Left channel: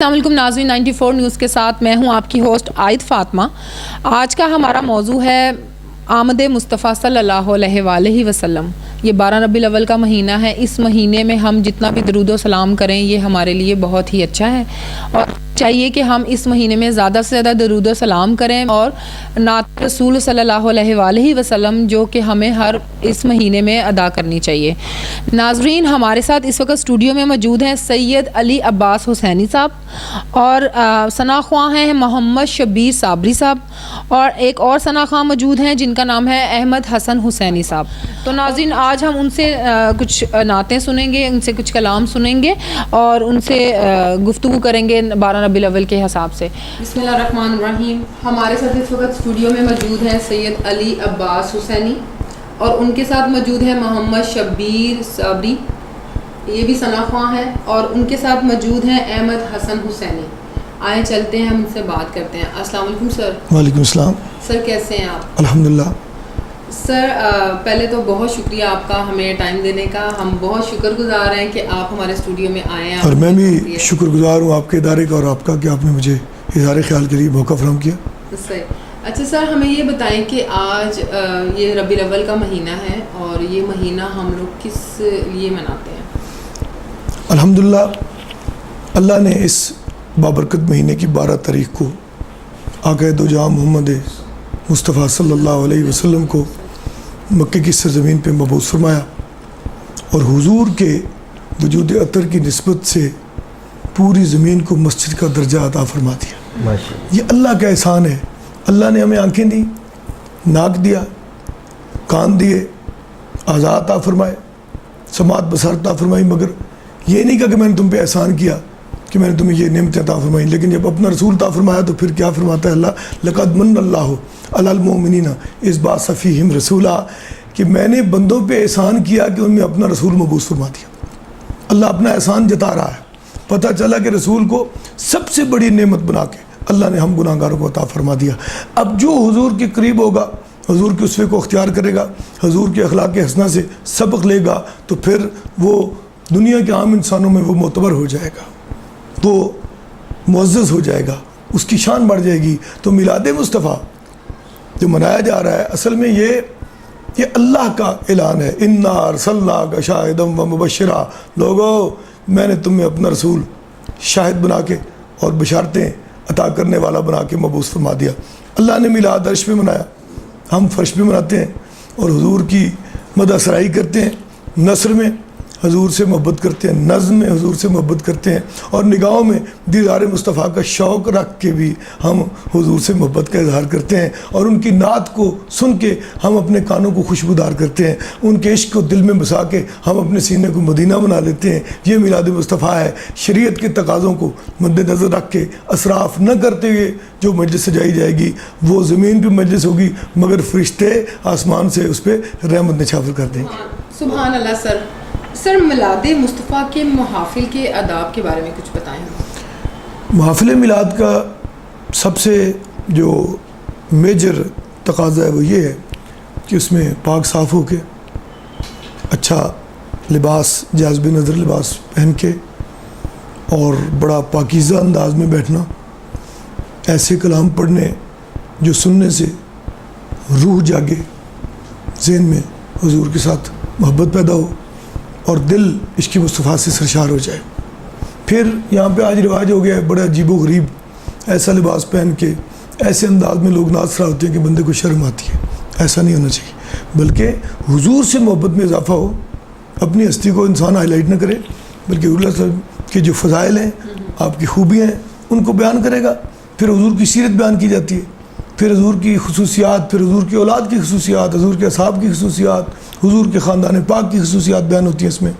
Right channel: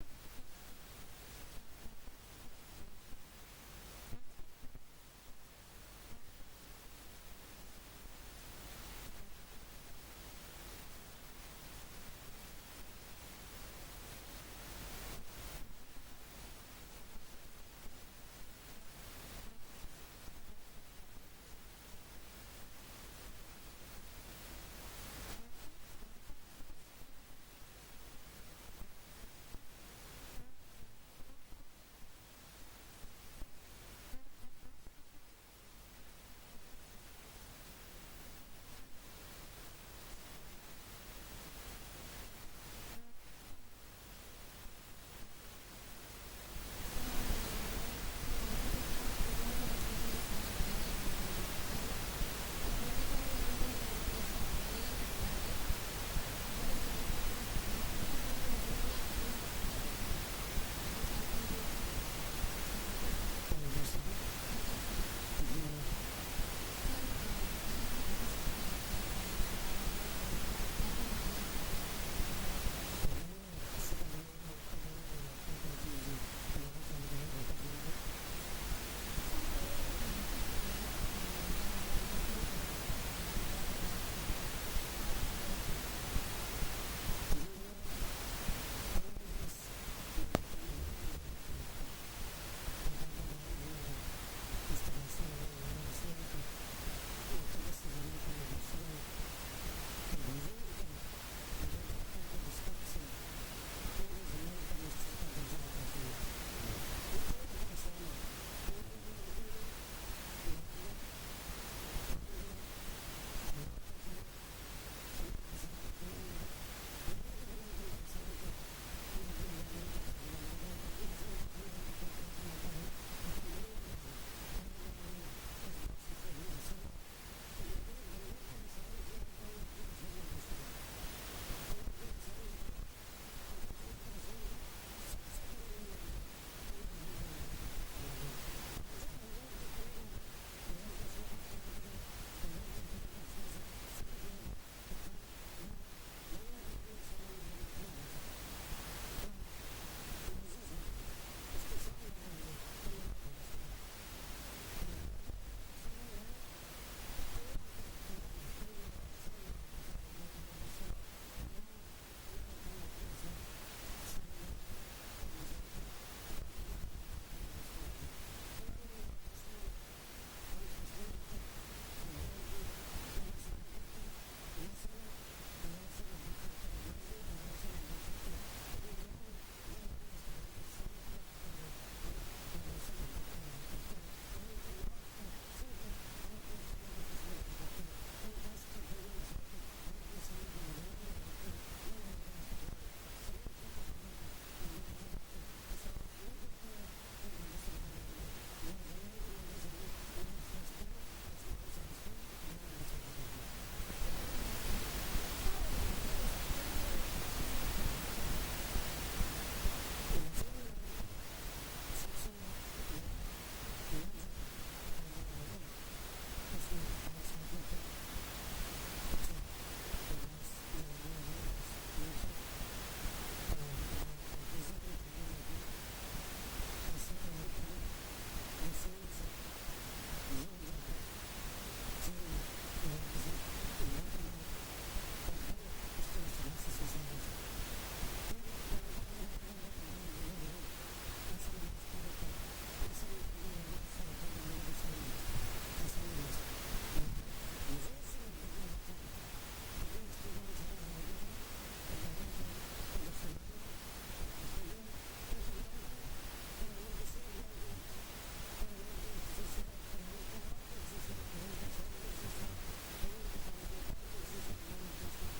السلام علیکم ناظرین، 94 نیوز کے ساتھ میں ہوں آپ کی ہوسٹ عائد فاطمہ۔ آج کا ہمارا موضوع ہے آمد مصطفیٰ صلی اللہ علیہ وآلہ وسلم۔ یہ 12 ربیع الاول کا مہینہ ہے۔ اس مہینے میں ہم جتنا بھی درود و سلام کریں یہ ہمارے لیے بہت ہی اچھا ہے، اور چاہیے کہ ہم اس مہینے میں زیادہ سے زیادہ درود و سلام کریں اور نعت رسول صلی اللہ علیہ وآلہ وسلم جو کہ ہمیں ہر اس مہینے میں ادا کرنی چاہیے۔ ناظرین، ہمارے ساتھ اس وقت اسٹوڈیو میں موجود ہیں سید علی عباس حسینی صاحب، اور ثنا خواں ہیں محمد شبیر صابری صاحب، اور ایک اور ثنا خواں موجود ہیں جن کا نام ہے احمد حسن حسینی صاحب۔ تو ناظرین، آج ہم ان سے کچھ نعتیں سنیں گے، ان سے کچھ کلام سنیں گے اور ان سے گفتگو کریں گے 12 ربیع الاول کے حساب سے۔ بسم اللہ الرحمن الرحیم۔ ہمارے ساتھ اس وقت اسٹوڈیو میں موجود ہیں سید علی عباس حسینی، اور ان کے ساتھ موجود ہے محمد شبیر صابری، یہ بھی ثنا خواں ہے، اور ان کے ساتھ موجود ہیں احمد حسن حسینی۔ آئیں چلتے ہیں، ہم ان سے بات کرتے ہیں۔ السلام علیکم سر۔ وعلیکم السلام۔ سر کیسے ہیں آپ؟ الحمدللہ۔ سر پہلے تو بہت شکریہ آپ کا ہمیں ٹائم دینے کا، ہم بہت شکر گزار ہیں کہ آپ ہمارے اسٹوڈیو میں آئے ہیں، اور میں بھی شکر گزار ہوں آپ کے ادارے کا اور آپ کا کہ آپ نے مجھے اظہار خیال کے لیے موقع فراہم کیا۔ صحیح۔ اچھا سر، ہمیں یہ بتائیں کہ آج یہ ربیع الاول کا مہینہ ہے، اور یہ مہینہ ہم لوگ کس لیے مناتے ہیں؟ الحمدللہ، اللہ نے اس بابرکت مہینے کی 12 تاریخ کو آقا دو جہاں محمد مصطفیٰ صلی اللہ علیہ وسلم کو مکے کی سرزمین پہ مبعوث فرمایا، اور حضور کے وجود اطہر کی نسبت سے پوری زمین کو مسجد کا درجہ عطا فرما دیا۔ یہ اللہ کا احسان ہے۔ اللہ نے ہمیں آنکھیں دی، ناک دیا، کان دیے، اعضاء عطا فرمائے، سماعت بصر عطا فرمائی، مگر یہ نہیں کہا کہ میں نے تم پہ احسان کیا کہ میں نے تمہیں یہ نعمت عطا فرمائی، لیکن جب اپنا رسول عطا فرمایا تو پھر کیا فرماتا ہے اللہ؟ لقد من اللہ علی المؤمنین اذ بعث فیہم رسولا، کہ میں نے بندوں پہ احسان کیا کہ ان میں اپنا رسول مبعوث فرما دیا۔ اللہ اپنا احسان جتا رہا ہے۔ پتہ چلا کہ رسول کو سب سے بڑی نعمت بنا کے اللہ نے ہم گناہ گاروں کو عطا فرما دیا۔ اب جو حضور کے قریب ہوگا، حضور کے اسوے کو اختیار کرے گا، حضور کے اخلاق حسنہ سے سبق لے گا، تو پھر وہ دنیا کے عام انسانوں میں وہ معتبر ہو جائے گا، وہ معزز ہو جائے گا، اس کی شان بڑھ جائے گی۔ تو میلاد مصطفیٰ جو منایا جا رہا ہے، اصل میں یہ اللہ کا اعلان ہے، انا ارسلناک شاہدا و مبشرا، لوگو میں نے تمہیں اپنا رسول شاہد بنا کے اور بشارتیں عطا کرنے والا بنا کے مبعوث فرما دیا۔ اللہ نے میلاد عرش پہ منایا، ہم فرش پہ مناتے ہیں، اور حضور کی مدح سرائی کرتے ہیں، نثر میں حضور سے محبت کرتے ہیں، نظم میں حضور سے محبت کرتے ہیں، اور نگاہوں میں دیدار مصطفیٰ کا شوق رکھ کے بھی ہم حضور سے محبت کا اظہار کرتے ہیں، اور ان کی نعت کو سن کے ہم اپنے کانوں کو خوشبودار کرتے ہیں، ان کے عشق کو دل میں بسا کے ہم اپنے سینے کو مدینہ بنا لیتے ہیں۔ یہ میلاد مصطفیٰ ہے۔ شریعت کے تقاضوں کو مد نظر رکھ کے اسراف نہ کرتے ہوئے جو مجلس سجائی جائے گی وہ زمین پہ مجلس ہوگی، مگر فرشتے آسمان سے اس پہ رحمت نچھاور کر دیں گے۔ سبحان اللہ۔ سر میلاد مصطفیٰ کے محافل کے آداب کے بارے میں کچھ بتائیں۔ محافل میلاد کا سب سے جو میجر تقاضا ہے وہ یہ ہے کہ اس میں پاک صاف ہو کے اچھا لباس، جاذب نظر لباس پہن کے، اور بڑا پاکیزہ انداز میں بیٹھنا، ایسے کلام پڑھنے جو سننے سے روح جاگے، ذہن میں حضور کے ساتھ محبت پیدا ہو اور دل عشق مصطفیٰ سے سرشار ہو جائے۔ پھر یہاں پہ آج رواج ہو گیا ہے بڑا عجیب و غریب ایسا لباس پہن کے ایسے انداز میں لوگ ناز فرا ہوتے ہیں کہ بندے کو شرم آتی ہے۔ ایسا نہیں ہونا چاہیے، بلکہ حضور سے محبت میں اضافہ ہو، اپنی ہستی کو انسان ہائی لائٹ نہ کرے، بلکہ حضور صلی اللہ علیہ وسلم کی جو فضائل ہیں، آپ کی خوبیاں ہیں، ان کو بیان کرے گا۔ پھر حضور کی سیرت بیان کی جاتی ہے، پھر حضور کی خصوصیات، پھر حضور کی اولاد کی خصوصیات، حضور کے اصحاب کی خصوصیات، حضور کے خاندان پاک کی خصوصیات بیان ہوتی ہیں اس میں۔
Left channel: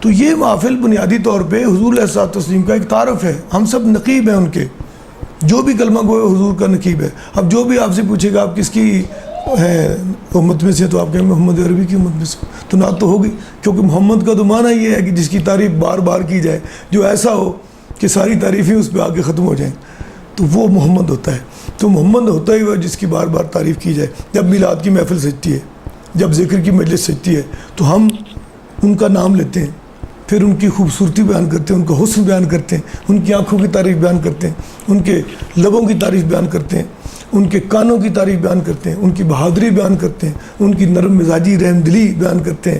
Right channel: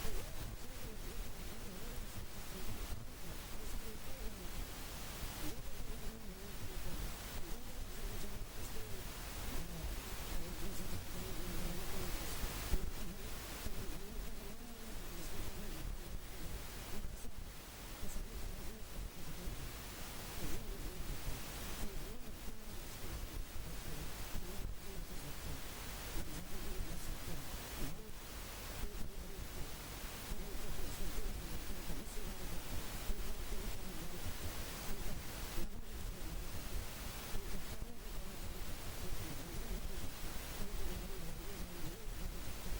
تو یہ محفل بنیادی طور پہ حضور علیہ الصلوۃ والتسلیم کا ایک تعارف ہے۔ ہم سب نقیب ہیں ان کے، جو بھی کلمہ گو ہے حضور کا نقیب ہے۔ اب جو بھی آپ سے پوچھے گا آپ کس کی ہے امت میں سے، تو آپ کہیں محمد عربی کی امت میں سے، تو نعت تو ہوگی، کیونکہ محمد کا تو معنی یہ ہے کہ جس کی تعریف بار بار کی جائے، جو ایسا ہو کہ ساری تعریفیں اس پہ آ کے ختم ہو جائیں، تو وہ محمد ہوتا ہے۔ تو محمد ہوتا ہی وہ جس کی بار بار تعریف کی جائے۔ جب میلاد کی محفل سجتی ہے، جب ذکر کی مجلس سجتی ہے، تو ہم ان کا نام لیتے ہیں، پھر ان کی خوبصورتی بیان کرتے ہیں، ان کا حسن بیان کرتے ہیں، ان کی آنکھوں کی تعریف بیان کرتے ہیں، ان کے لبوں کی تعریف بیان کرتے ہیں، ان کے کانوں کی تعریف بیان کرتے ہیں، ان کی بہادری بیان کرتے ہیں، ان کی نرم مزاجی رحم دلی بیان کرتے ہیں،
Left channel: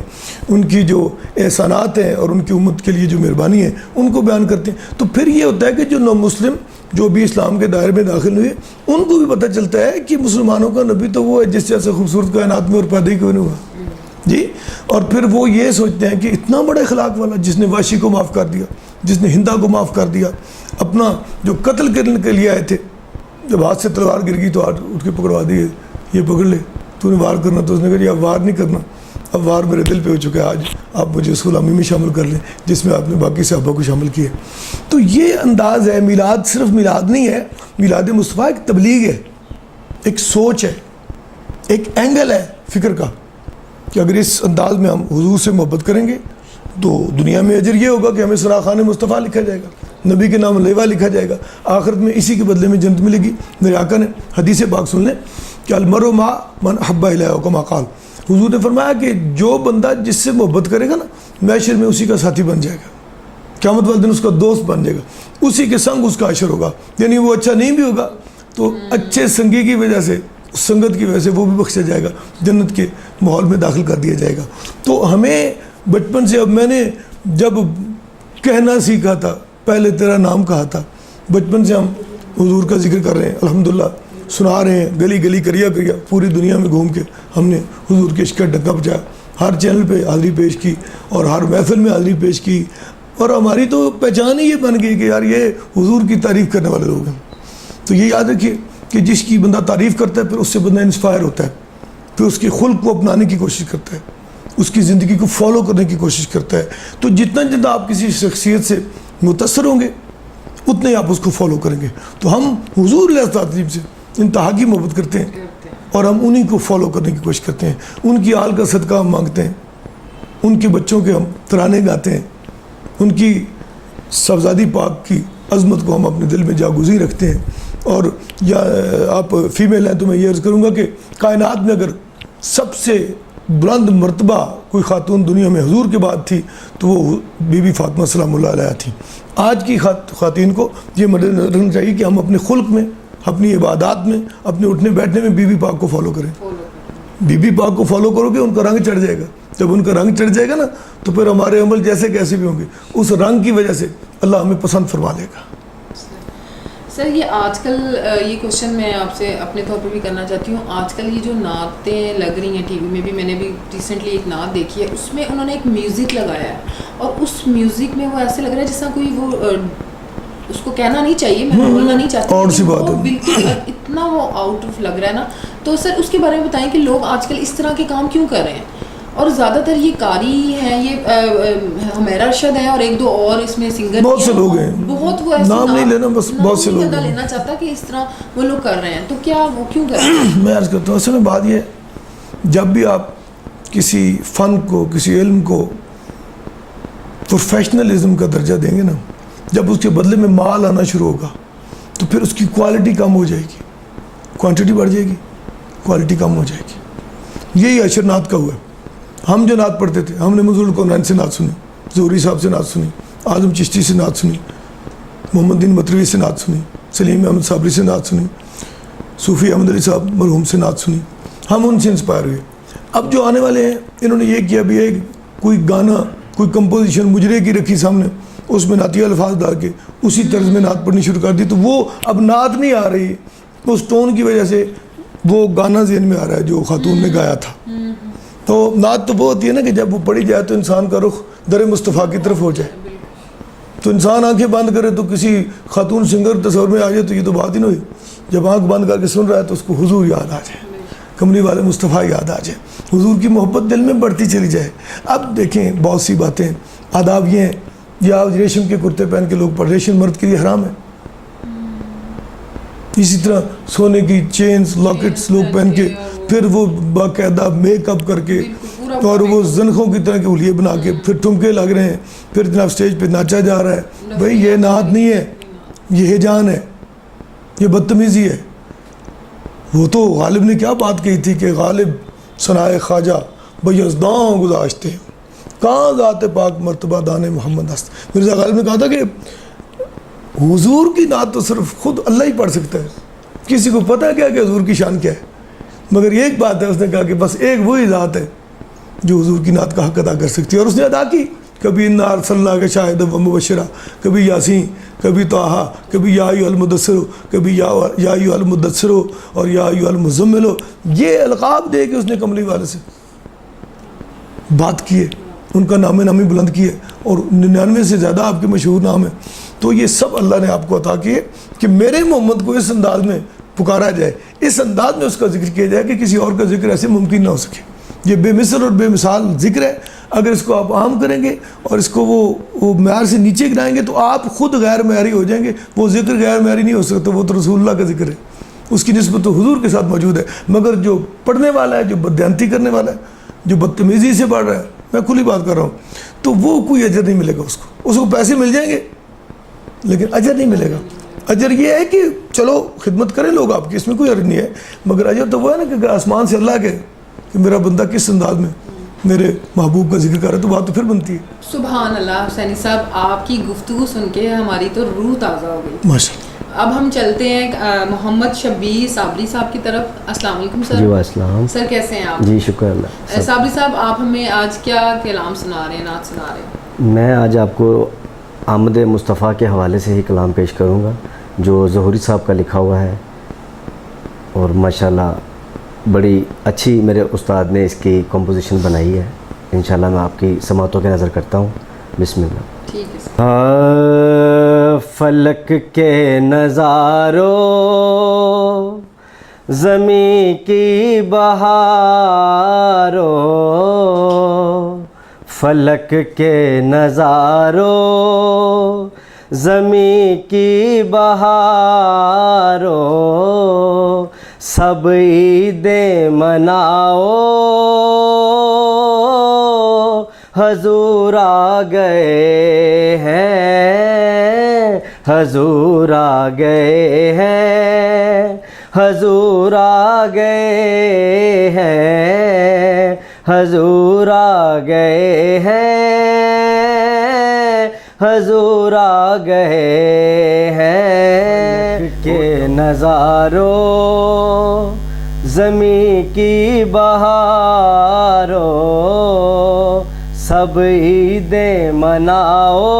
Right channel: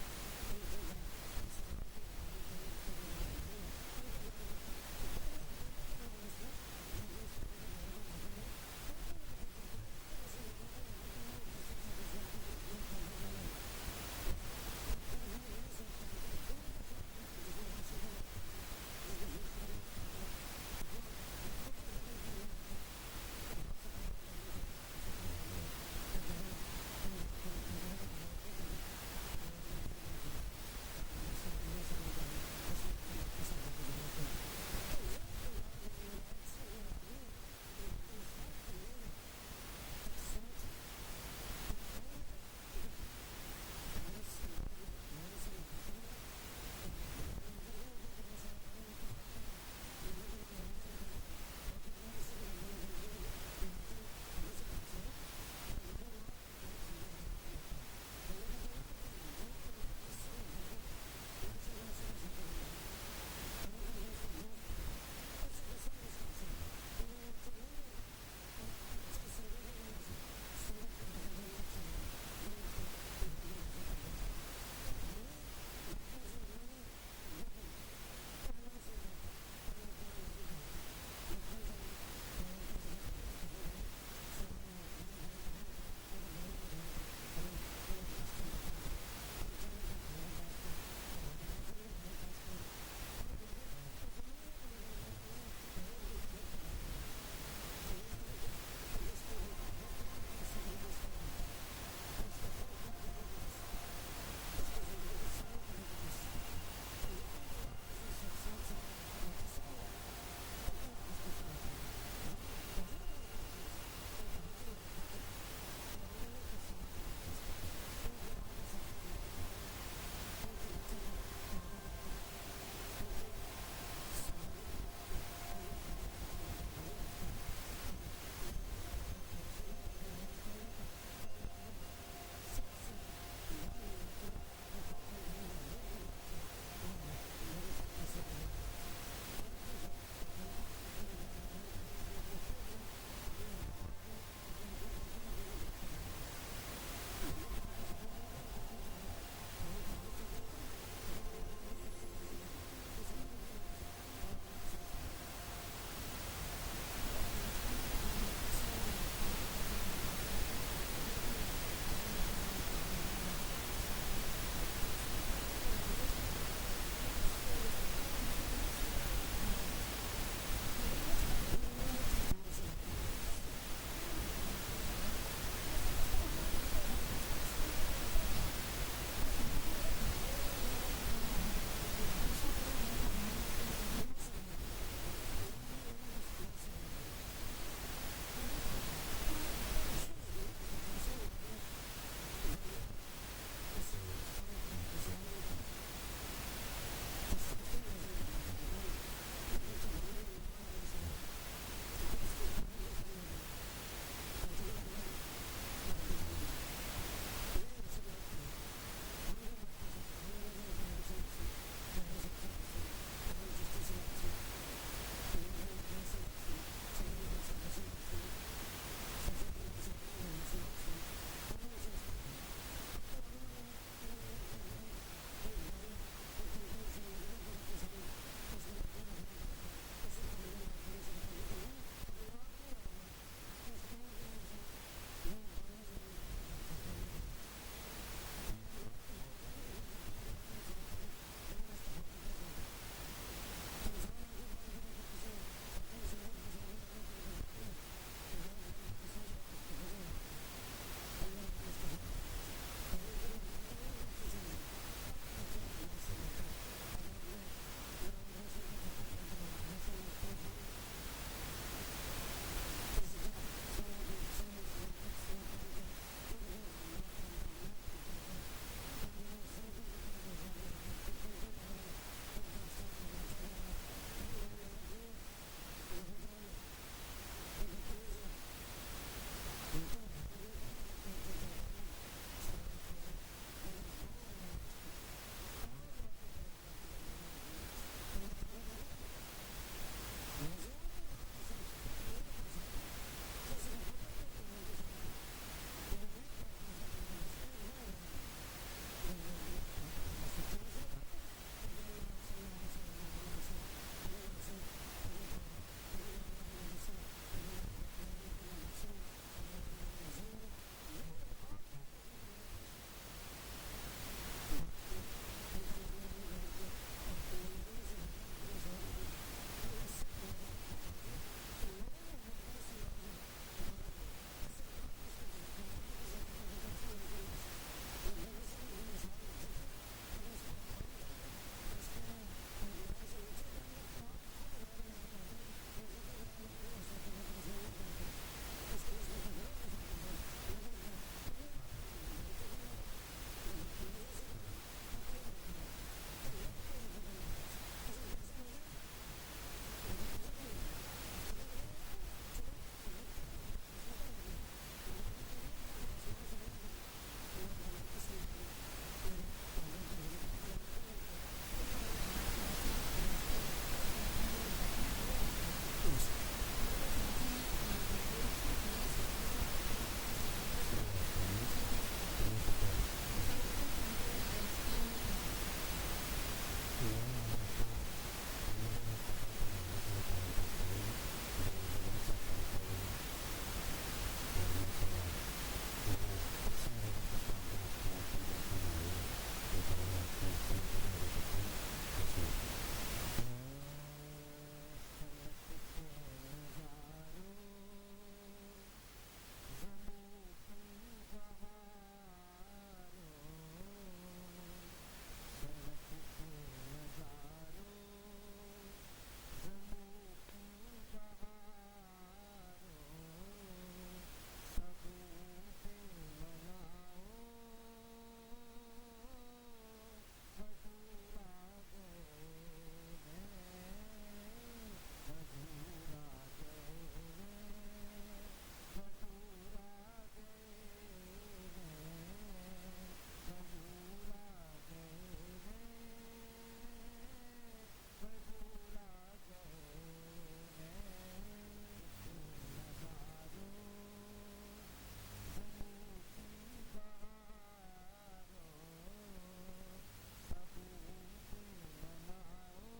ان کی جو احسانات ہیں اور ان کی امت کے لیے جو مہربانی ہے ان کو بیان کرتے ہیں. تو پھر یہ ہوتا ہے کہ جو نو مسلم جو بھی اسلام کے دائرے میں داخل ہوئے ان کو بھی پتہ چلتا ہے کہ مسلمانوں کا نبی تو وہ ہے جس جیسے خوبصورت کائنات میں اور پیدا ہی کیوں نہیں ہوا جی. اور پھر وہ یہ سوچتے ہیں کہ اتنا بڑا اخلاق والا جس نے واشی کو معاف کر دیا، جس نے ہندا کو معاف کر دیا، اپنا جو قتل کرنے کے لیے آئے تھے، جب ہاتھ سے تلوار گر گئی تو ہاتھ اٹھ کے پکڑوا دیے، یہ پکڑ لے تو نے وار کرنا. تو اس نے کہا یہ اب وار نہیں کرنا، اب وار میرے دل پہ ہو چکا ہے، آج آپ مجھے اس غلامی میں شامل کر لیں جس میں آپ نے باقی صحابہ کو شامل کیا. تو یہ انداز ہے. میلاد صرف میلاد نہیں ہے، میلاد مصطفیٰ ایک تبلیغ ہے، ایک سوچ ہے، ایک اینگل ہے فکر کا کہ اگر اس انداز میں ہم حضور سے محبت کریں گے تو دنیا میں اجر یہ ہوگا کہ ہمیں سراخان مصطفیٰ لکھا جائے گا، نبی کے نام لیوا لکھا جائے گا، آخرت میں اسی کے بدلے میں جنت ملے گی. میرے آقا نے حدیث پاک سن لیں کہ المرء مع من احب الیہ کما قال. حضور نے فرمایا کہ جو بندہ جس سے محبت کرے گا نا محشر میں اسی کا ساتھی بن جائے گا، قیامت والے دن اس کا دوست بن جائے گا، اسی کے سنگ اس کا عشر ہوگا. یعنی وہ اچھا نہیں بھی ہوگا تو اچھے سنگی کی وجہ سے، سنگت کی وجہ سے وہ بھی بخشا جائے گا، جنت کے ماحول میں داخل کر دیا جائے گا. تو ہمیں بچپن سے، اب میں نے جب کہنا سیکھا تھا پہلے تیرا نام کہا تھا، بچپن سے ہم حضور کا ذکر کر رہے ہیں، الحمدللہ سنا رہے ہیں، گلی گلی کریا کریا پوری دنیا میں گھوم کے ہم نے حضور کے عشق کا ڈکا بجایا، ہر چینل پہ حاضری پیش کی اور ہر محفل میں حاضری پیش کی، اور ہماری تو پہچان ہی یہ بن گئی کہ یار یہ حضور کی تعریف کرنے والے لوگ ہیں. تو یہ یاد رکھیے کہ جس کی بندہ تعریف کرتا ہے پھر اس سے بندہ انسپائر ہوتا ہے، پھر اس کے خلق کو اپنانے کی کوشش کرتا ہے، اس کی زندگی کو فالو کرنے کی کوشش کرتا ہے. تو جتنا آپ کسی شخصیت سے متاثر ہوں گے اتنے ہی آپ اس کو فالو کریں گے. تو ہم حضور علیہ السلام سے انتہا کی محبت کرتے ہیں اور ہم انہی کو فالو کرنے کی کوشش کرتے ہیں. ان کی آل کا صدقہ ہم مانگتے ہیں، ان کے بچوں کے ہم ترانے گاتے ہیں، ان کی صاحبزادی پاک کی عظمت کو ہم اپنے دل میں جاگزی رکھتے ہیں. اور یا آپ فیمیل ہیں تو میں یہ عرض کروں گا کہ کائنات میں اگر سب سے بلند مرتبہ کوئی خاتون دنیا میں حضور کے بعد تھی تو وہ بی بی فاطمہ سلام اللہ علیہ تھی. آج کی خواتین کو یہ مد نظر رکھنا چاہیے کہ ہم اپنے خلق میں، اپنی عبادات میں، اپنے اٹھنے بیٹھنے میں بی بی پاک کو فالو کریں. بی بی پاک کو فالو کرو گے ان کا رنگ چڑھ جائے گا. جب ان کا رنگ چڑھ جائے گا نا تو پھر ہمارے عمل جیسے کیسے بھی ہوں گے اس رنگ کی وجہ سے اللہ ہمیں پسند فرما لے گا. سر یہ آج کل یہ کوشچن میں آپ سے اپنے طور پہ بھی کرنا چاہتی ہوں، آج کل یہ جو نعتیں لگ رہی ہیں ٹی وی میں بھی، میں نے بھی ریسنٹلی ایک نعت دیکھی ہے، اس میں انہوں نے ایک میوزک لگایا ہے اور اس میوزک میں وہ ایسے لگ رہا ہے جس طرح کوئی وہ اس کو کہنا نہیں چاہیے، میں بولنا نہیں چاہتی، اور سی بات ہے، بالکل اتنا وہ آؤٹ آف لگ رہا ہے نا. تو سر اس کے بارے میں بتائیں کہ لوگ آج کل اس طرح کے کام کیوں کر رہے ہیں؟ اور زیادہ تر یہ قاری ہیں، یہ حمیرہ ارشد ہیں اور ایک دو اور اس میں سنگر بہت سے لوگ ہیں، بہت وہ ایسے نام نہیں لینا، بس بہت سے لوگ ہیں لینا چاہتا کہ اس طرح وہ لوگ کر رہے ہیں. تو کیا وہ کیوں کر رہے ہیں؟ میں عرض کرتا ہوں اصل میں بات یہ، جب بھی آپ کسی فن کو، کسی علم کو پروفیشنلزم کا درجہ دیں گے نا، جب اس کے بدلے میں مال آنا شروع ہوگا تو پھر اس کی کوالٹی کم ہو جائے گی، کوانٹٹی بڑھ جائے گی، کوالٹی کم ہو جائے گی. یہی عشر نعت کا ہوا ہے. ہم جو نعت پڑھتے تھے، ہم نے منظور القونین سے نعت سنی، ظہوری صاحب سے نعت سنی، اعظم چشتی سے نعت سنی، محمد دین مطربی سے نعت سنی، سلیم احمد صابری سے نعت سنی، صوفی احمد علی صاحب مرحوم سے نعت سنی. ہم ان سے انسپائر ہوئے. اب جو آنے والے ہیں انہوں نے یہ کیا بھی ہے، کوئی گانا، کوئی کمپوزیشن مجرے کی رکھی سامنے، اس میں نعتیہ الفاظ ڈال کے اسی طرز میں نعت پڑھنی شروع کر دی. تو وہ اب نعت نہیں آ رہی، اس ٹون کی وجہ سے وہ گانا ذہن میں آ رہا ہے جو خاتون نے گایا تھا. تو نعت تو وہ ہوتی ہے نا کہ جب وہ پڑھی جائے تو انسان کا رخ در مصطفیٰ کی طرف ہو جائے. تو انسان آنکھیں بند کرے تو کسی خاتون سنگر تصور میں آ جائے تو یہ تو بات ہی نہیں ہوئی. جب آنکھ بند کر کے سن رہا ہے تو اس کو حضور یاد آ جائے، کملی والے مصطفیٰ یاد آ جائے، حضور کی محبت دل میں بڑھتی چلی جائے. اب دیکھیں بہت سی باتیں، آداب یہ ہیں، یا ریشم کے کرتے پہن کے لوگ پڑھ، ریشم مرد کے لیے حرام ہے. اسی طرح سونے کی چینز، لاکٹس لوگ پہن کے، پھر وہ باقاعدہ میک اپ کر کے اور وہ زنخوں کی طرح کے حلیے بنا کے پھر ٹھمکے لگ رہے ہیں، پھر جناب اسٹیج پہ ناچا جا رہا ہے. بھائی یہ نعت نہیں ہے، یہ ہجان ہے، یہ بدتمیزی ہے. وہ تو غالب نے کیا بات کہی تھی کہ غالب ثنائے خواجہ بیزداں گذاشتے ہیں، کہاں ذات پاک مرتبہ دان محمد است. مرزا غالب نے کہا تھا کہ حضور کی نعت تو صرف خود اللہ ہی پڑھ سکتا ہے, کسی کو پتہ کیا کہ حضور کی شان کیا ہے, مگر ایک بات ہے, اس نے کہا کہ بس ایک وہی ذات ہے جو حضور کی نعت کا حق ادا کر سکتی ہے, اور اس نے ادا کی. کبھی انا ارسلنا کا شاہد و مبشرہ, کبھی یاسین, کبھی طٰہٰ, کبھی یا ایھا المدثر, کبھی یا ایھا المدثر اور یا ایھا المزمل. یہ القاب دے کے اس نے کملی والے سے بات کی ہے, ان کا نام نامی بلند کی ہے, اور 99 سے زیادہ آپ کے مشہور نام ہیں. تو یہ سب اللہ نے آپ کو عطا کیے کہ میرے محمد کو اس انداز میں پکارا جائے, اس انداز میں اس کا ذکر کیا جائے کہ کسی اور کا ذکر ایسے ممکن نہ ہو سکے. یہ بے مثل اور بے مثال ذکر ہے. اگر اس کو آپ عام کریں گے اور اس کو وہ معیار سے نیچے گرائیں گے تو آپ خود غیر معیاری ہو جائیں گے. وہ ذکر غیر معیاری نہیں ہو سکتا, وہ تو رسول اللہ کا ذکر ہے, اس کی نسبت تو حضور کے ساتھ موجود ہے. مگر جو پڑھنے والا ہے, جو بددیانتی کرنے والا ہے, جو بدتمیزی سے پڑھ رہا ہے, میں کھلی بات کر رہا ہوں, تو وہ کوئی اجر نہیں ملے گا. اس کو پیسے مل جائیں گے لیکن اجر نہیں ملے گا. اجر یہ ہے کہ چلو خدمت کریں لوگ آپ کی, اس میں کوئی عرض نہیں ہے, مگر اجر تو وہ ہے نا کہ آسمان سے اللہ کے کہ میرا بندہ کس انداز میں میرے محبوب کا ذکر کر رہا ہے, تو بات تو پھر بنتی ہے. سبحان اللہ. حسینی صاحب, آپ کی گفتگو سن کے ہماری تو روح تازہ ہو گئی. ماشاءاللہ. اب ہم چلتے ہیں محمد شبیر صابری صاحب کی طرف. السلام علیکم سر. جی السلام. سر کیسے ہیں آپ؟ جی شکر اللہ. صابری صاحب, آپ ہمیں آج کیا کلام سنا رہے ہیں, نعت سنا رہے ہیں؟ میں آج آپ کو آمد مصطفیٰ کے حوالے سے ہی کلام پیش کروں گا جو ظہوری صاحب کا لکھا ہوا ہے, اور ماشاءاللہ بڑی اچھی میرے استاد نے اس کی کمپوزیشن بنائی ہے. انشاءاللہ میں آپ کی سماعتوں کے نظر کرتا ہوں. بسم اللہ. ٹھیک ہے سر. فلک کے نظاروں زمیں کی بہاروں, فلک کے نظاروں زمیں کی بہاروں, سب عیدیں مناؤ حضور آ گئے ہیں, حضور آ گئے ہیں, حضور آ گئے ہیں, حضور آ گئے ہیں, حضور آ گئے ہیں. کے نظاروں زمیں کی بہاروں, سب عیدیں مناؤ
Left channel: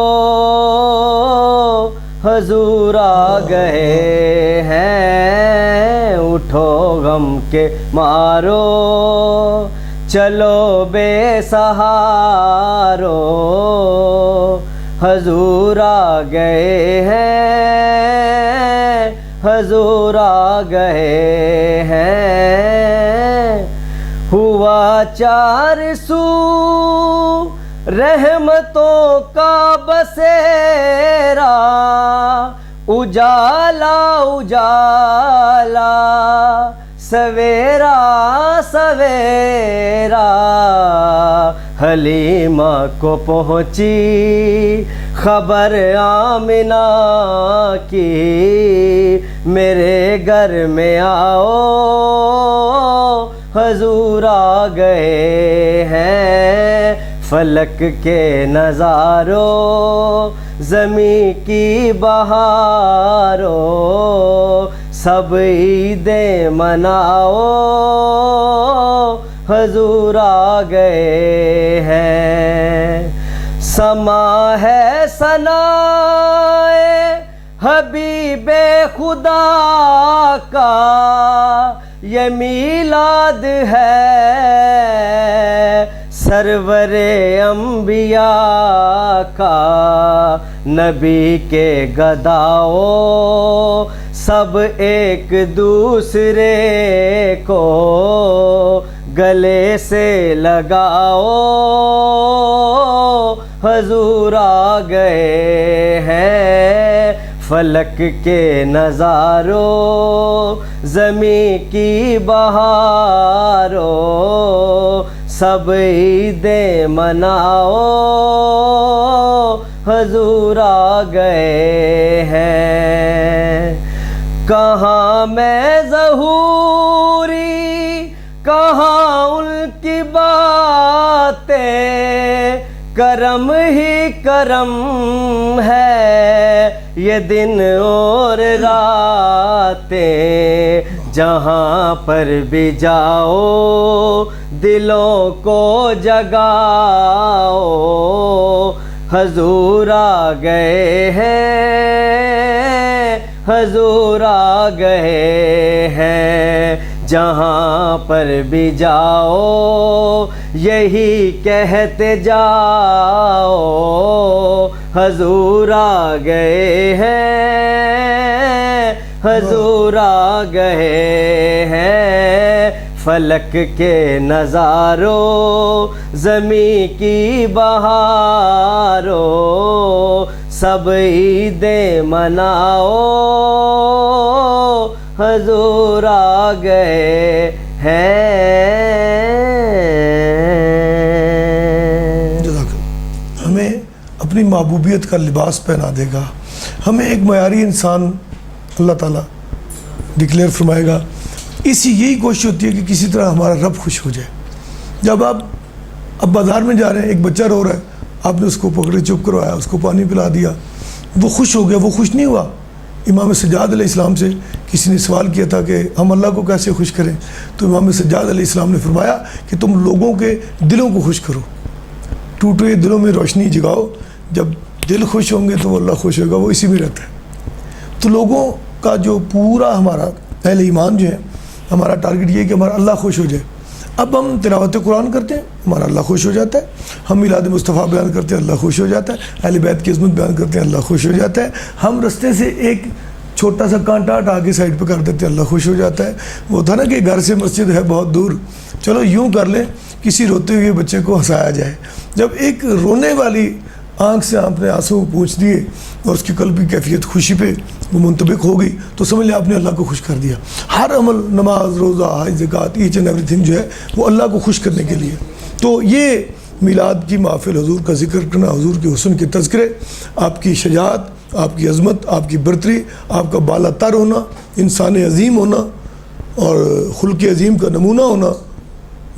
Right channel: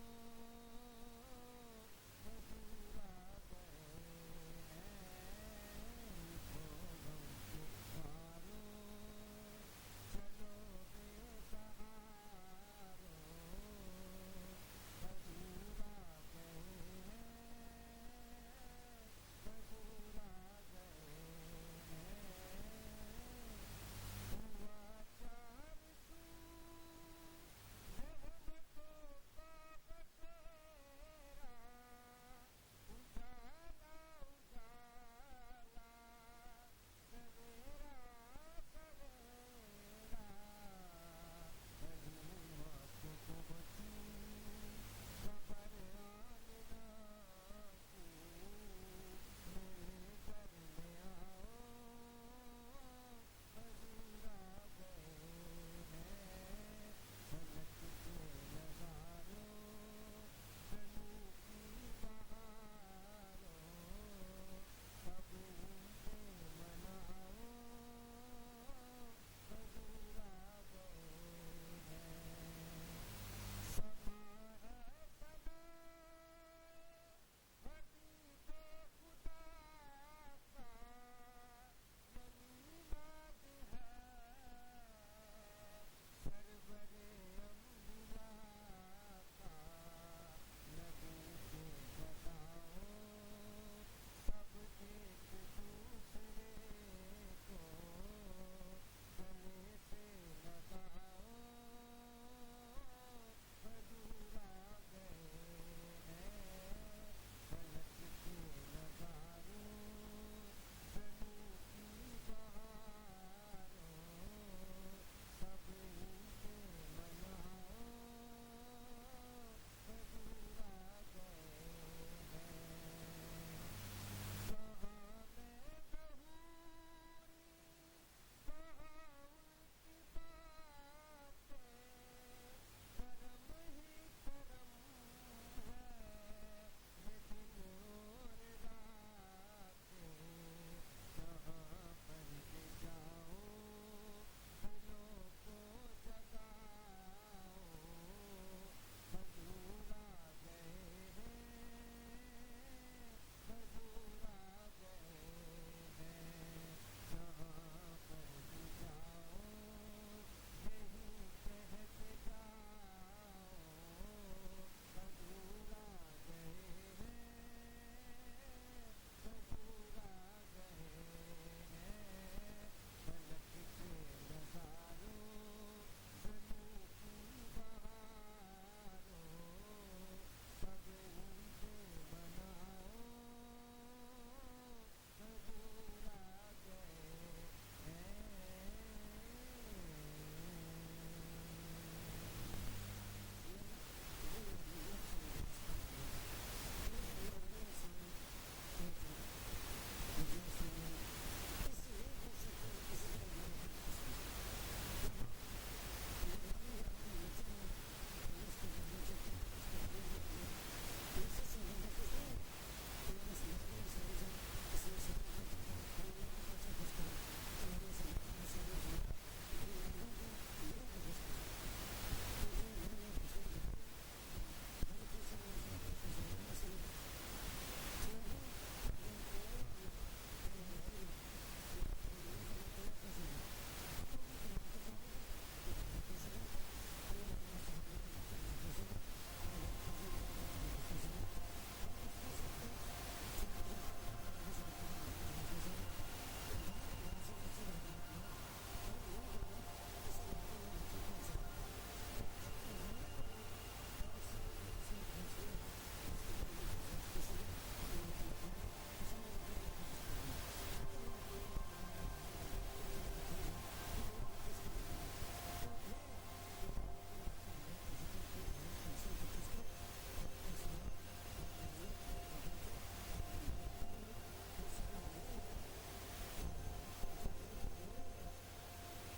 حضور آ گئے ہیں. اٹھو غم کے مارو چلو بے سہارو, حضور آ گئے ہیں, حضور آ گئے ہیں. ہوا چار سو رحمتوں کا بسیرا, اجالا اجالا سویرا سویرا, حلیمہ کو پہنچی خبر آمنہ کی, میرے گھر میں آؤ حضور آ گئے ہیں. فلک کے نظاروں زمیں کی بہاروں, سب عیدیں مناؤ حضور آ گئے ہیں. سما ہے ثنائے حبیب خدا کا, یہ میلاد ہے سرور انبیاء کا. نبی کے گداؤ سب ایک دوسرے کو گلے سے لگاؤ حضور آ گئے ہیں. فلک کے نظاروں زمیں کی بہاروں, سب عیدیں مناؤ حضور آ گئے ہیں. کہاں میں ظہوری, کہاں ان کی باتیں, کرم ہی کرم ہے یہ دن اور راتیں، جہاں پر بھی جاؤ دلوں کو جگاؤ، حضور آ گئے ہیں، حضور آ گئے ہیں، جہاں پر بھی جاؤ یہی کہتے جاؤ، حضور آ گئے ہیں، حضور آ گئے ہیں، فلک کے نظاروں زمیں کی بہاروں، سب عیدیں مناؤ، حضور آ گئے ہیں۔ ہمیں اپنی محبوبیت کا لباس پہنا دے گا، ہمیں ایک معیاری انسان اللہ تعالیٰ ڈکلیئر فرمائے گا۔ یہی کوشش ہوتی ہے کہ کسی طرح ہمارا رب خوش ہو جائے۔ جب آپ اب بازار میں جا رہے ہیں، ایک بچہ رو رہا ہے، آپ نے اس کو پکڑے چپ کروایا، اس کو پانی پلا دیا، وہ خوش ہو گیا، وہ خوش نہیں ہوا۔ امام سجاد علیہ السلام سے کسی نے سوال کیا تھا کہ ہم اللہ کو کیسے خوش کریں، تو امام سجاد علیہ السلام نے فرمایا کہ تم لوگوں کے دلوں کو خوش کرو، ٹوٹے دلوں میں روشنی جگاؤ، جب دل خوش ہوں گے تو وہ اللہ خوش ہوگا، وہ اسی میں رہتا ہے۔ تو لوگوں کا جو پورا ہمارا اہل ایمان جو ہے، ہمارا ٹارگٹ یہ ہے کہ ہمارا اللہ خوش ہو جائے۔ اب ہم تلاوت قرآن کرتے ہیں، ہمارا اللہ خوش ہو جاتا ہے، ہم میلاد مصطفیٰ بیان کرتے ہیں، اللہ خوش ہو جاتا ہے، اہل بیت کی عظمت بیان کرتے ہیں، اللہ خوش ہو جاتا ہے، ہم رستے سے ایک چھوٹا سا کانٹا ہٹا کے سائڈ پہ کر دیتے ہیں، اللہ خوش ہو جاتا ہے۔ وہ تھا نا کہ گھر سے مسجد ہے بہت دور، چلو یوں کر لیں کسی روتے ہوئے بچے کو ہنسایا جائے۔ جب ایک رونے والی آنکھ سے آپ نے آنسو پوچھ دیے اور اس کی قلبی کیفیت خوشی پہ وہ منطبق ہو گئی، تو سمجھ لیں آپ نے اللہ کو خوش کر دیا۔ ہر عمل، نماز، روزہ، حج، زکوٰۃ، ایچ اینڈ ایوری تھنگ جو ہے وہ اللہ کو خوش کرنے کے لیے۔ تو یہ میلاد کی محفل، حضور کا ذکر کرنا، حضور کے حسن کے تذکرے، آپ کی شجاعت، آپ کی عظمت، آپ کی برتری، آپ کا بالا تر ہونا، انسان عظیم ہونا اور خلق عظیم کا نمونہ ہونا،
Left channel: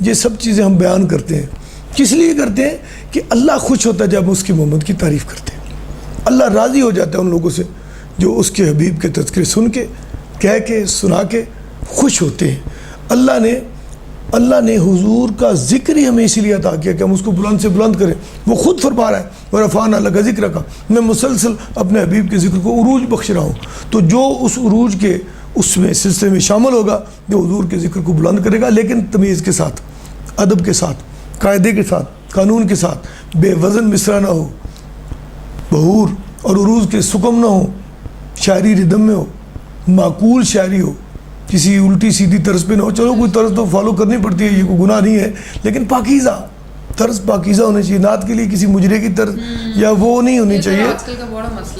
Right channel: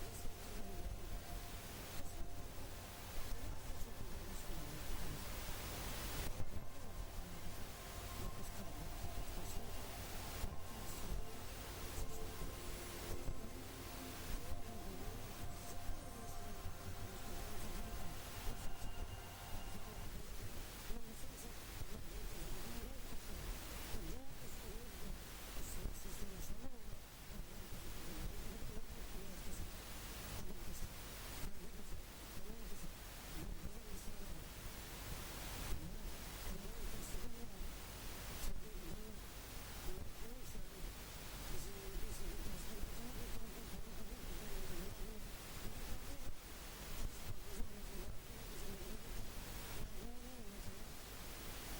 یہ سب چیزیں ہم بیان کرتے ہیں۔ کس لیے کرتے ہیں؟ کہ اللہ خوش ہوتا ہے جب اس کی محمد کی تعریف کرتے ہیں۔ اللہ راضی ہو جاتا ہے ان لوگوں سے جو اس کے حبیب کے تذکرے سن کے، کہہ کے، سنا کے خوش ہوتے ہیں۔ اللہ نے حضور کا ذکر ہی ہمیں اسی لیے عطا کیا کہ ہم اس کو بلند سے بلند کریں۔ وہ خود فرما رہا ہے وَرَفَعْنَا لَكَ ذِكْرَكَ، میں مسلسل اپنے حبیب کے ذکر کو عروج بخش رہا ہوں۔ تو جو اس عروج کے اس میں سلسلے میں شامل ہوگا، جو حضور کے ذکر کو بلند کرے گا، لیکن تمیز کے ساتھ، ادب کے ساتھ، قاعدے کے ساتھ، قانون کے ساتھ، بے وزن مصرع نہ ہو، بہور اور عروج کے سکم نہ ہو، شاعری ردم میں ہو، معقول شاعری ہو، کسی الٹی سیدھی طرز پہ نہ ہو۔ چلو کوئی طرز تو فالو کرنی پڑتی ہے، یہ کوئی گناہ نہیں ہے، لیکن پاکیزہ طرز، پاکیزہ ہونے چاہیے۔ نعت کے لیے کسی مجرے کی طرز یا وہ نہیں ہونی چاہیے۔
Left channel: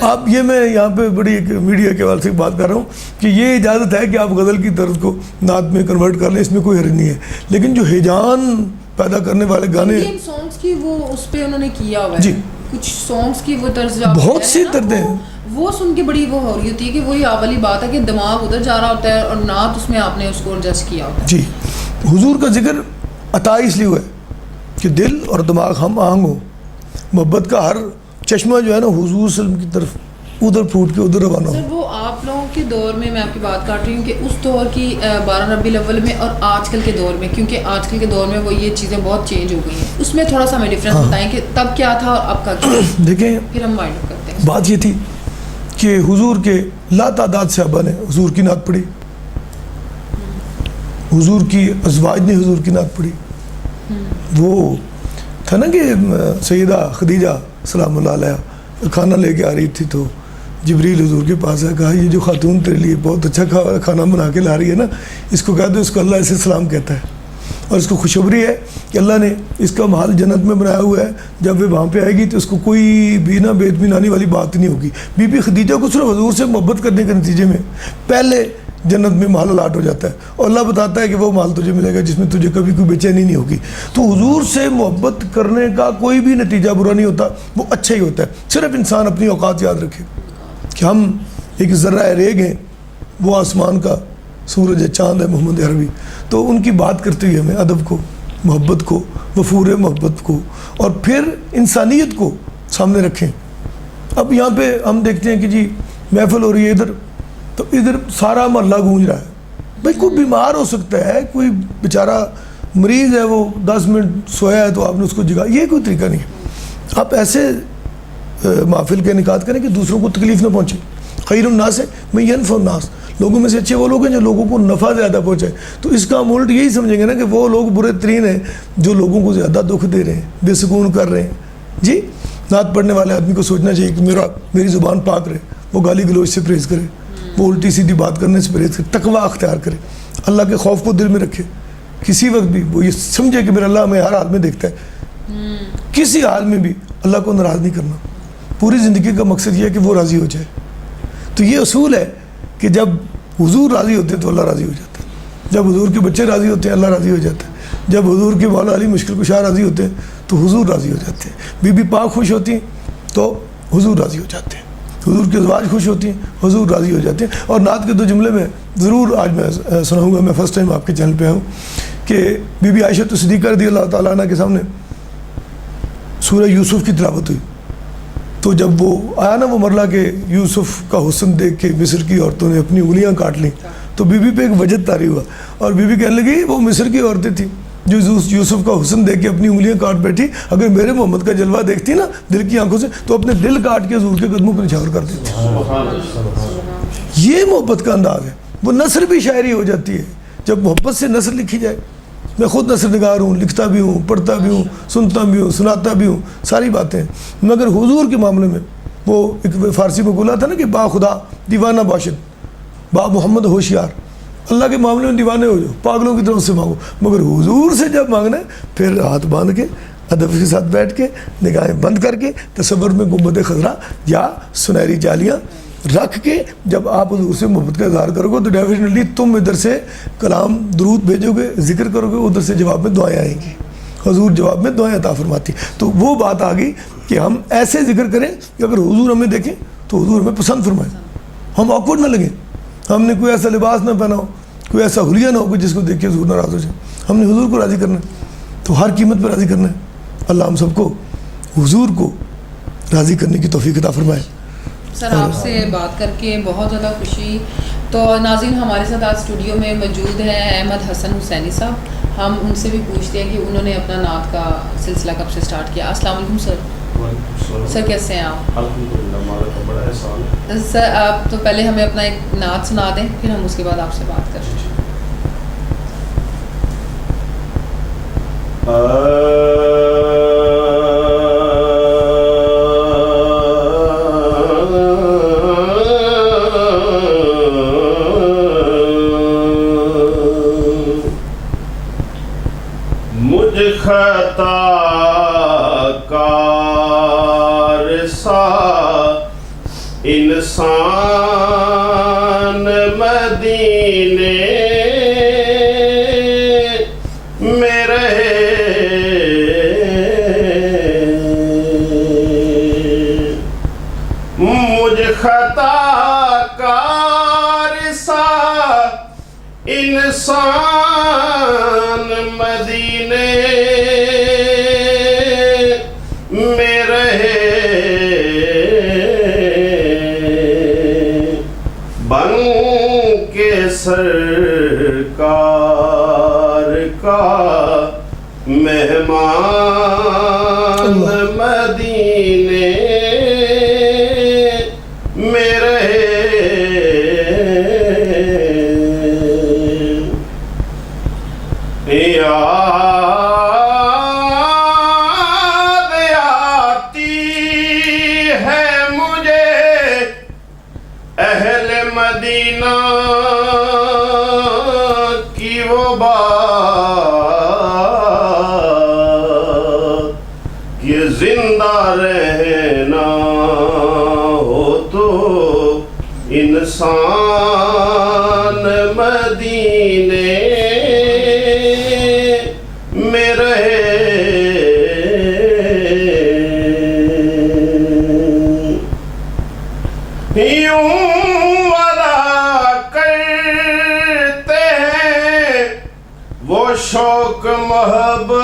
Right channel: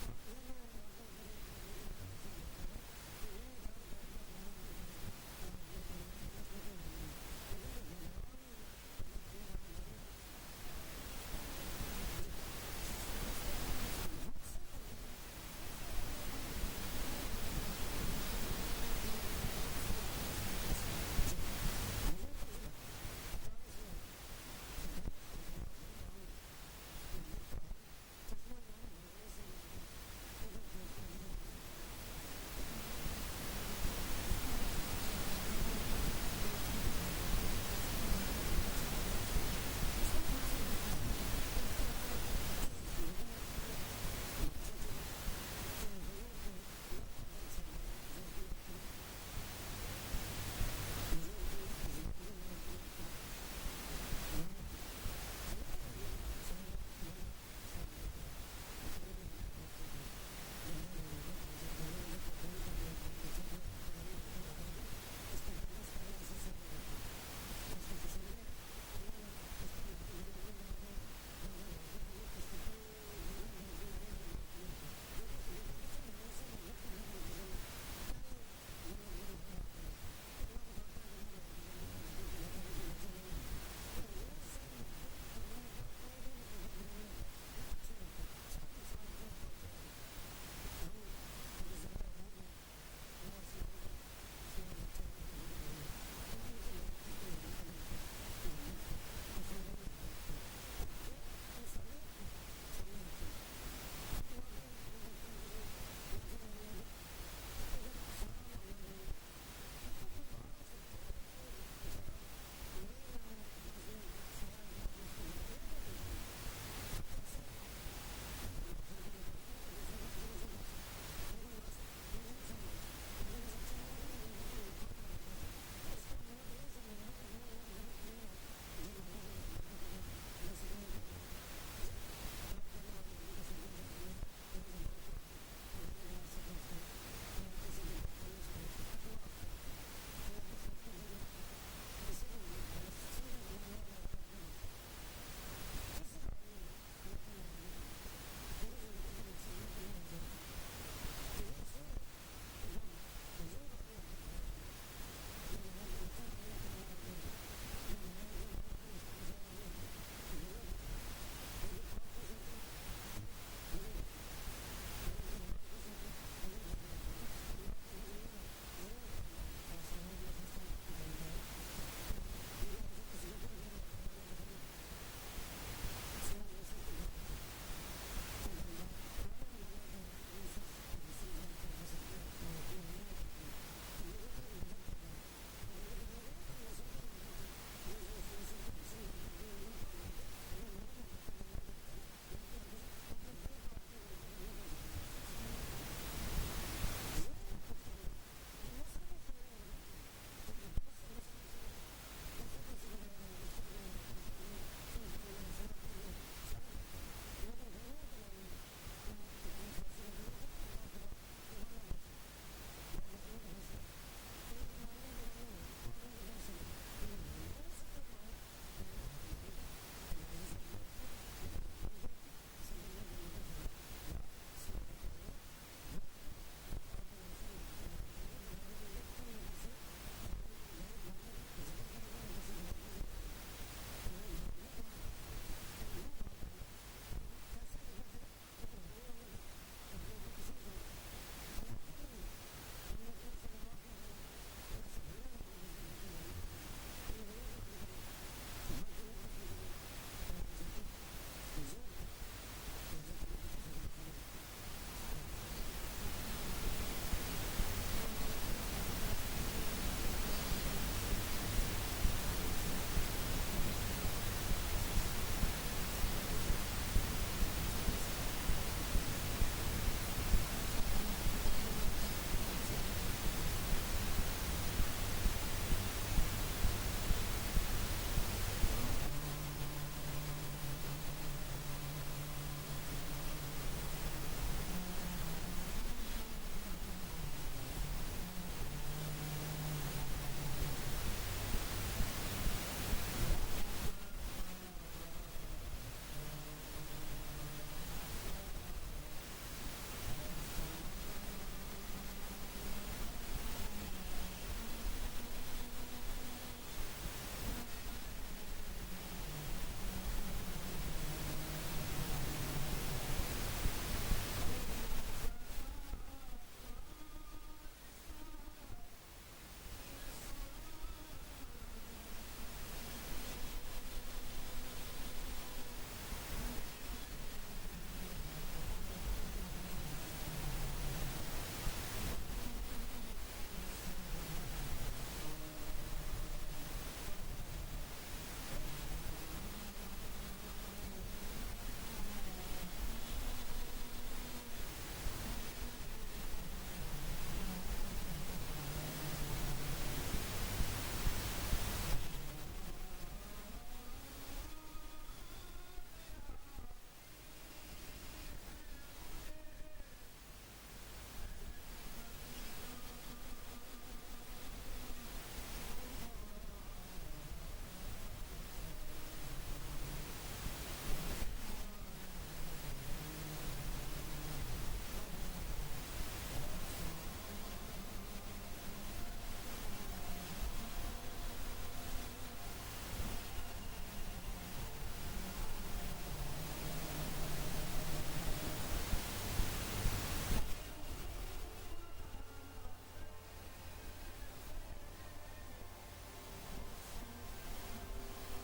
آپ یہ میں یہاں پہ بڑی ایک میڈیا کے حوالے سے بات کر رہا ہوں کہ یہ اجازت ہے کہ آپ غزل کی طرز کو نعت میں کنورٹ کر لیں، اس میں کوئی حرج نہیں ہے، لیکن جو ہیجان پیدا کرنے والے گانے سانگز کی وہ اس پہ انہوں نے کیا ہوا ہے، جی کچھ سانگز کی وہ طرز بہت سی طرزیں ہیں، وہ سن کے بڑی وہ ہو رہی ہوتی ہے کہ وہی والی بات ہے کہ دماغ ادھر جا رہا ہوتا ہے اور نعت اس میں آپ نے اس کو ایڈجسٹ کیا ہوتا ہے۔ جی حضور کا ذکر عطا اس لیے ہوا ہے کہ دل اور دماغ ہم آہنگ ہو، محبت کا ہر چشمہ جو ہے نا حضور صلی اللہ علیہ وسلم کی طرف ادھر پھوٹ کے ادھر روانہ ہو۔ سر وہ آپ لوگوں کے دور میں آپ کی بات کر رہی ہوں کہ اس دور کی 12 ربیع الاول میں اور آج کل کے دور میں، کیونکہ آج کل کے دور میں وہ یہ چیزیں بہت چینج ہو گئی ہیں، اس میں تھوڑا سا ہمیں ڈفرینس بتائیں کہ تب کیا تھا اور اب کا کیا؟ دیکھیں پھر ہم وائنڈ اپ کرتے ہیں۔ بات یہ تھی کہ حضور کے لا تعداد صحابہ نے حضور کی نعت پڑھی، حضور کی ازواج نے حضور کی نعت پڑھی۔ وہ تھا نا کہ سیدہ خدیجہ سلام اللہ علیہ کھانا لے کے آ رہی تھی تو جبریل حضور کے پاس آیا، کہا یہ جو خاتون تیرے لیے بہت اچھا کھانا بنا کے لا رہی ہے نا، اس کو کہہ دو اس کو اللہ ایسے سلام کہتا ہے، اور اس کو خوشخبری ہے کہ اللہ نے اس کا محل جنت میں بنایا ہوا ہے، جب وہ وہاں پہ آئے گی تو اس کو کوئی بھی نہ بے اطمینانی والی بات نہیں ہوگی۔ بی بی خدیجہ کو صرف حضور سے محبت کرنے کے نتیجے میں پہلے جنت میں محل الاٹ ہو جاتا ہے، اور اللہ بتاتا ہے کہ وہ محل تجھے ملے گا جس میں تجھے کبھی کوئی بے چینی نہیں ہوگی۔ تو حضور سے محبت کرنے کا کوئی بھی نتیجہ برا نہیں ہوتا، وہ اچھا ہی ہوتا ہے، صرف انسان اپنی اوقات یاد رکھے کہ ہم ایک ذرہ ریگ ہیں، وہ آسمان کا سورج ہے، چاند ہے محمد عربی، تو ان کی بات کرتے ہوئے ہمیں ادب کو محبت کو, وفور محبت کو, اور پھر انسانیت کو سامنے رکھیں. اب یہاں پہ ہم دیکھتے ہیں کہ جی محفل ہو رہی ہے ادھر, تو ادھر سارا محلہ گونج رہا ہے. بھائی کوئی بیمار ہو سکتا ہے, کوئی بیچارہ مریض ہے, وہ 10 منٹ سویا ہے تو آپ نے اس کو جگا, یہ کوئی طریقہ نہیں ہے. آپ ایسے محفل کا انعقاد کریں کہ دوسروں کو تکلیف نہ پہنچے. خیر الناس ہے میں ینفع الناس, لوگوں میں سے اچھے وہ لوگ ہیں جو لوگوں کو نفع زیادہ پہنچائے. تو اس کا ہم الٹ یہی سمجھیں گے نا کہ وہ لوگ برے ترین ہیں جو لوگوں کو زیادہ دکھ دے رہے ہیں, بے سکون کر رہے ہیں. جی نعت پڑھنے والے آدمی کو سوچنا چاہیے کہ میری زبان پاک رہے, وہ گالی گلوچ سے پرہیز کرے, وہ الٹی سیدھی بات کرنے سے پرہیز کرے, تقوی اختیار کرے, اللہ کے خوف کو دل میں رکھے. کسی وقت بھی وہ یہ سمجھے کہ میرا اللہ ہمیں ہر حال میں دیکھتا ہے, کسی حال میں بھی اللہ کو ناراض نہیں کرنا. پوری زندگی کا مقصد یہ ہے کہ وہ راضی ہو جائے. تو یہ اصول ہے کہ جب حضور راضی ہوتے ہیں تو اللہ راضی ہو جاتا ہے, جب حضور کے بچے راضی ہوتے ہیں اللہ راضی ہو جاتا ہے, جب حضور کے مولا علی مشکل کشا راضی ہوتے ہیں تو حضور راضی ہو جاتے ہیں, بی بی پاک خوش ہوتی ہیں تو حضور راضی ہو جاتے ہیں, حضور کے ازواج خوش ہوتی ہیں حضور راضی ہو جاتے ہیں. اور نعت کے 2 جملے میں ضرور آج میں سناؤں گا. میں فرسٹ ٹائم آپ کے چینل پہ آیا ہوں کہ بی بی عائشہ صدیقہ رضی اللہ تعالیٰ عنہ کے سامنے سورہ یوسف کی تلاوت ہوئی. تو جب وہ آیا نا وہ مرلہ کہ یوسف کا حسن دیکھ کے مصر کی عورتوں نے اپنی انگلیاں کاٹ لیں, تو بی بی پہ ایک وجد طاری ہوا, اور بی بی کہنے لگی وہ مصر کی عورتیں تھیں جو یوسف کا حسن دیکھ کے اپنی انگلیاں کاٹ بیٹھی, اگر میرے محمد کا جلوہ دیکھتی نا دل کی آنکھوں سے تو اپنے دل کاٹ کے حضور کے قدموں پہ نچھاور کر دیتی. یہ محبت کا انداز ہے. وہ نثر بھی شاعری ہو جاتی ہے جب محبت سے نثر لکھی جائے. میں خود نثر نگار ہوں, لکھتا بھی ہوں, پڑھتا بھی ہوں, سنتا بھی ہوں, سناتا بھی ہوں, ساری باتیں. مگر حضور کے معاملے میں وہ ایک فارسی میں بولا تھا نا کہ با خدا دیوانہ باشد, با محمد ہوشیار. اللہ کے معاملے میں دیوانے ہو جاؤ, پاگلوں کی طرف سے مانگو, مگر حضور سے جب مانگنا ہے پھر ہاتھ باندھ کے ادب کے ساتھ بیٹھ کے نگاہیں بند کر کے تصور میں گنبد خضرا یا سنہری جالیاں رکھ کے جب آپ حضور سے محبت کا اظہار کرو گے تو ڈیفینیٹلی تم ادھر سے کلام درود بھیجو گے, ذکر کرو گے, ادھر سے جواب میں دعائیں آئیں گی. حضور جواب میں دعائیں عطا فرماتی. تو وہ بات آ گئی کہ ہم ایسے ذکر کریں کہ اگر حضور ہمیں دیکھیں تو حضور ہمیں پسند فرمائیں, ہم آکورڈ نہ لگیں. ہم نے کوئی ایسا لباس نہ پہنا ہو, کوئی ایسا حلیہ نہ ہو کہ جس کو دیکھ کے حضور ناراض ہو جائے. ہم نے حضور کو راضی کرنا ہے, تو ہر قیمت پہ راضی کرنا ہے. اللہ ہم سب کو حضور کو راضی کرنے کی توفیق عطا فرمائے. سر آپ سے بات کر کے بہت زیادہ خوشی. تو ناظرین ہمارے ساتھ آج اسٹوڈیو میں موجود ہیں احمد حسن حسینی صاحب. ہم ان سے بھی پوچھتے ہیں کہ انہوں نے اپنا نعت کا سلسلہ کب سے سٹارٹ کیا. السلام علیکم سر. سر کیسے ہیں آپ؟ الحمدللہ ہمارا تو بڑا احسان ہے. سر آپ تو پہلے ہمیں اپنا ایک نعت سنا دیں, پھر ہم اس کے بعد آپ سے بات کریں. مجھ خطا کار سا انسان مدینے میں رہے, مجھ خطا کار سا انسان مدینے میں رہے, بن کے سرکار کا مہمان مدینے میں رہے. یاد آتی ہے مجھے اہل مدینہ کی وہ بات کہ زندہ رہنا ہو تو انسان مدینے میں رہے. یوں ودا کرتے ہیں وہ شوق محبت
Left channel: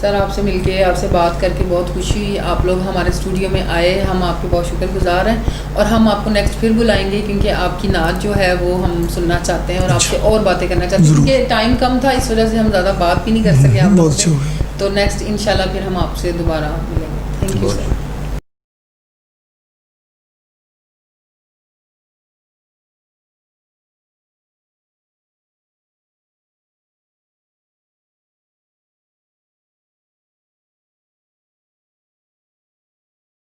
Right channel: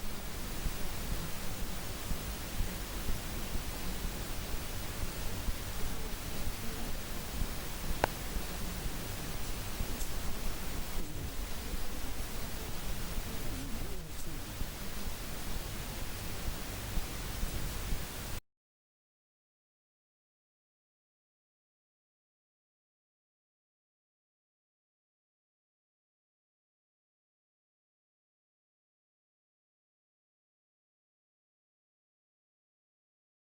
سر آپ سے مل کے آپ سے بات کر کے بہت خوشی ہوئی. آپ لوگ ہمارے اسٹوڈیو میں آئے, ہم آپ کے بہت شکر گزار ہیں, اور ہم آپ کو نیکسٹ پھر بلائیں گے کیونکہ آپ کی نعت جو ہے وہ ہم سننا چاہتے ہیں اور آپ سے اور باتیں کرنا چاہتے ہیں, کیونکہ ٹائم کم تھا اس وجہ سے ہم زیادہ بات بھی نہیں کر سکے آپ لوگوں سے. تو نیکسٹ انشاءاللہ پھر ہم آپ سے دوبارہ ملیں گے. Thank you sir.